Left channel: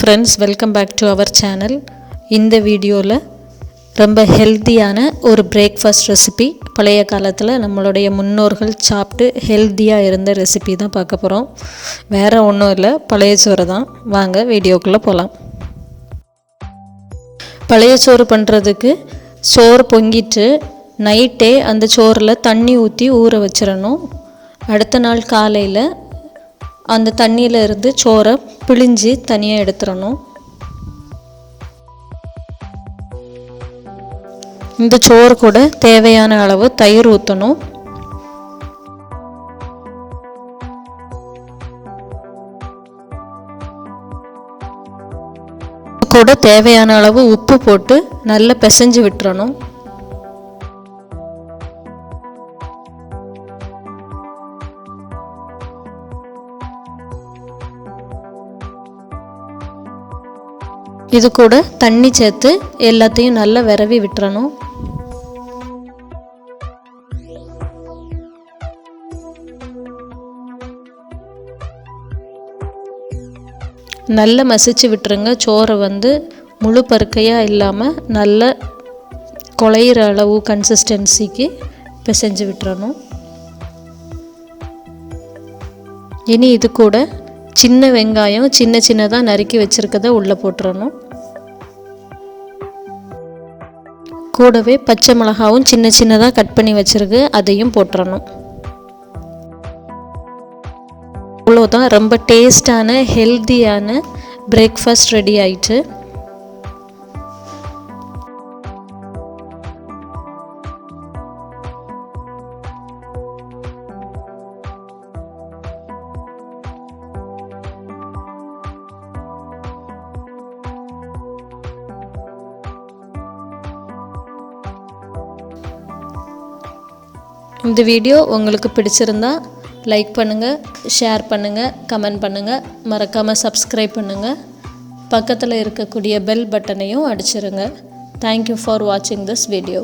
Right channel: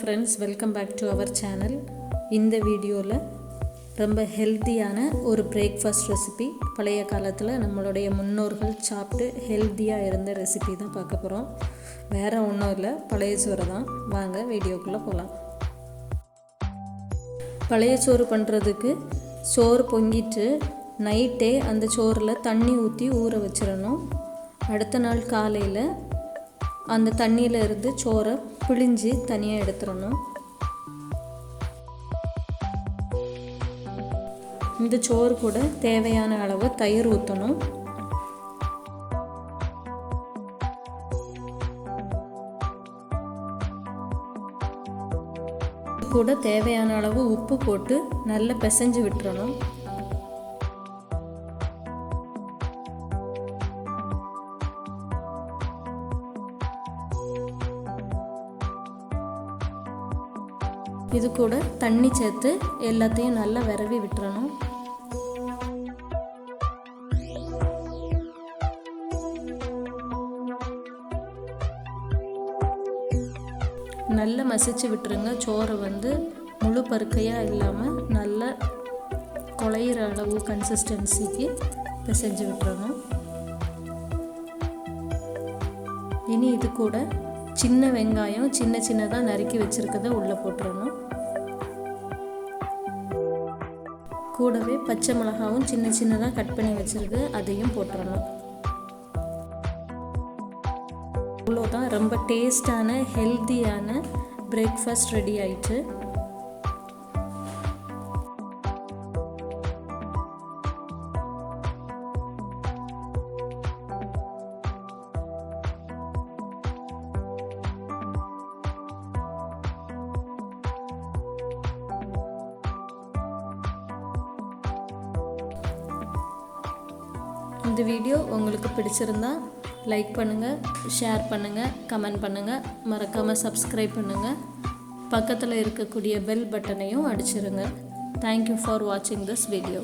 friends, welcome back to our channel. இந்த வீடியோவில் ரொம்ப ஹெல்த்தியான ஒரு பிரேக்ஃபாஸ்ட் ரெசிபி, பழைய காலத்தில் நம்மளுடைய முன்னோர்கள் சாப்பிட்டு ஹெல்த்தியாக இருந்த ரெசிபி தான் பார்க்க போகிறோம். வேறு ஒன்றும் இல்லை, பழைய சோறு தான். வாங்க வீடியோக்குள்ளே போகலாம். பழைய சோறு பண்ணுறதுக்கு சோறு பொங்கிட்டு நைட்டே அந்த சோறில் தண்ணி ஊற்றி ஊற வச்சிடணும். அடுத்த நாள் காலையில் அந்த தண்ணியில் இருந்து சோறை பிழிஞ்சு தனியாக எடுத்துடணும். இந்த சோறு கூட தேவையான அளவு தயிர் ஊற்றணும். கூட தேவையான அளவு உப்பு போட்டு நல்லா பிசைஞ்சு விட்டுறணும். இது கூட தண்ணி சேர்த்து எல்லாத்தையும் நல்லா விரவி விட்டுறணும். நல்லா மசிச்சு விட்டுருங்க. சோறை முழு பருக்கையாக இல்லாமல் நல்ல குழையிற அளவு கன்சிஸ்டன்சிக்கு பிசைஞ்சு விட்டுறணும். இனி இது கூட சின்ன வெங்காயம் சின்னதாக நறுக்கி வச்சுருக்கதை உள்ளே போட்டுறணும். கூடவே பச்சை மிளகாவும் சின்னதாக கட் பண்ணி வச்சுருக்கு, அதையும் போட்டுறணும். அவ்வளோதான், ரொம்ப டேஸ்டான ஹெல்த்தியான பிரேக்ஃபாஸ்ட் ரெடி ஆயிட்டு. இந்த வீடியோ உங்களுக்கு பிடிச்சிருந்தா லைக் பண்ணுங்கள், ஷேர் பண்ணுங்கள், கமெண்ட் பண்ணுங்கள், மறக்காமல் சப்ஸ்கிரைப் பண்ணுங்கள். பக்கத்தில் இருக்கக்கூடிய பெல் பட்டனையும் அடிச்சிருங்க. தேங்க்யூ ஃபார் வாட்சிங் திஸ் வீடியோ.